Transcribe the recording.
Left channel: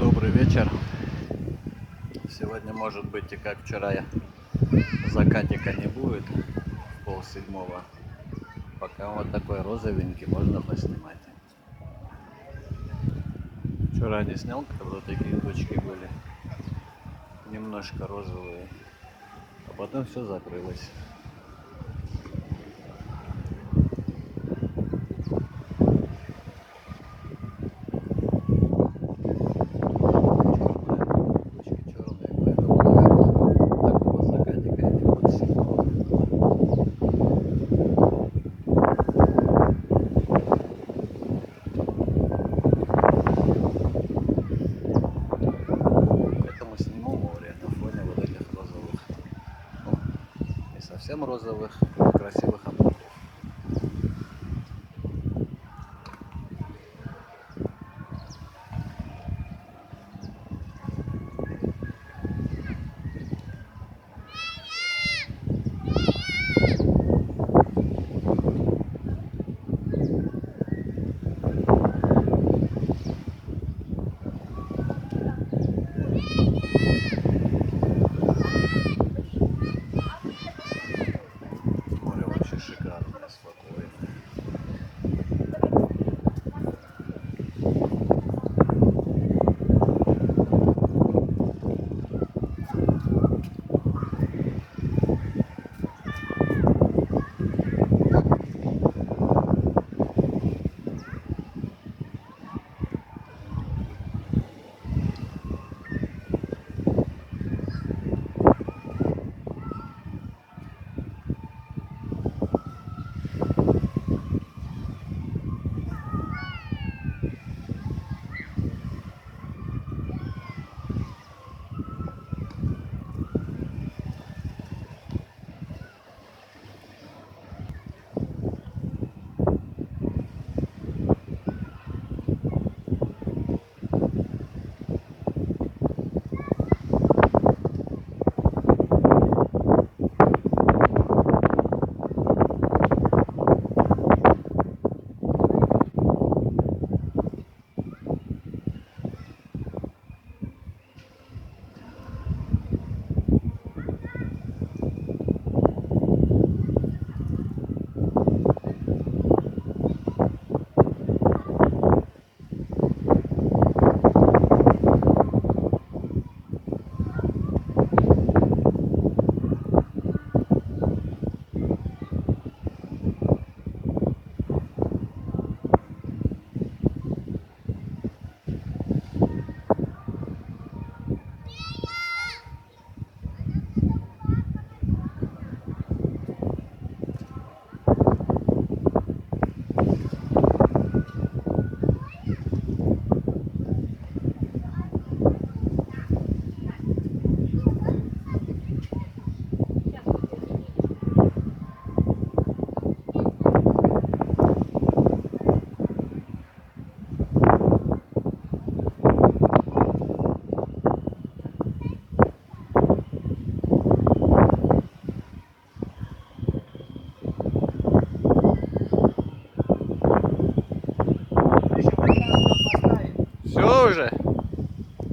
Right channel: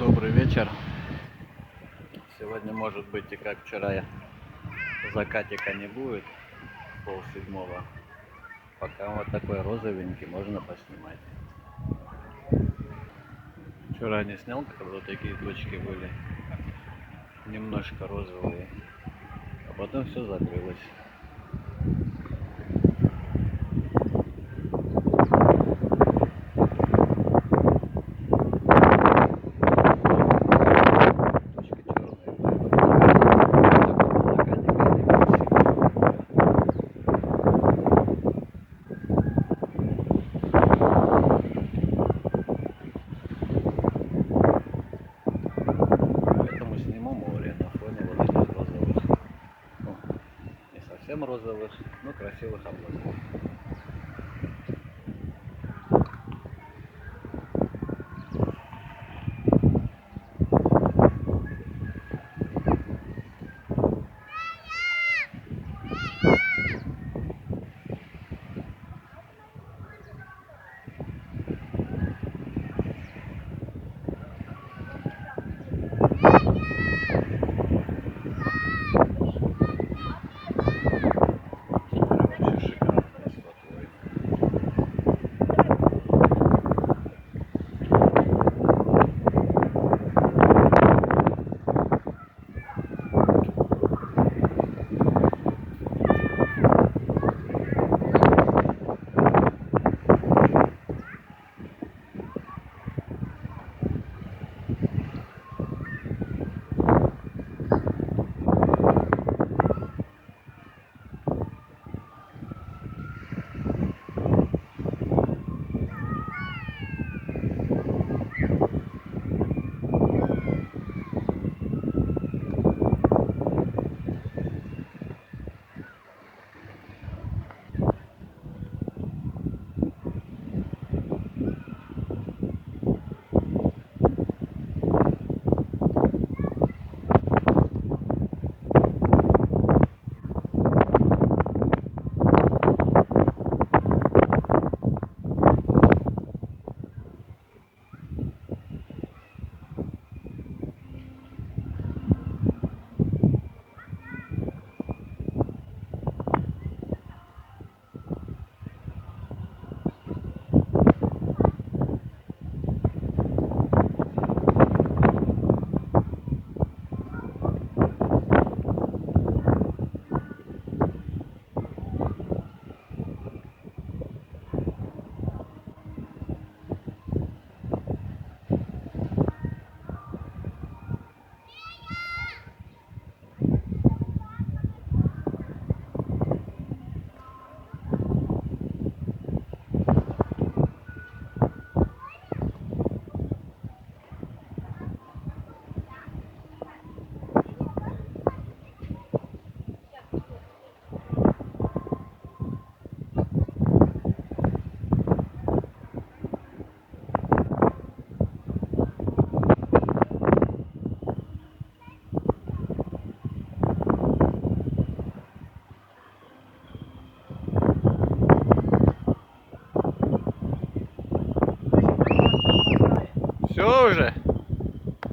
Добрый вечер. Сегодня, может быть, и как вчера, закатика не будет в 6:30. Пока вот такой розовенький, можно поснимать. Вчера не снял, когда такие точки были немножко розовые, а потом все закрылось. Точки черные, поэтому, наверное, такого закатика не будет сильно. Поэтому сниму море на фоне вот этих розовых, ну, не совсем розовых, но красивых облаков.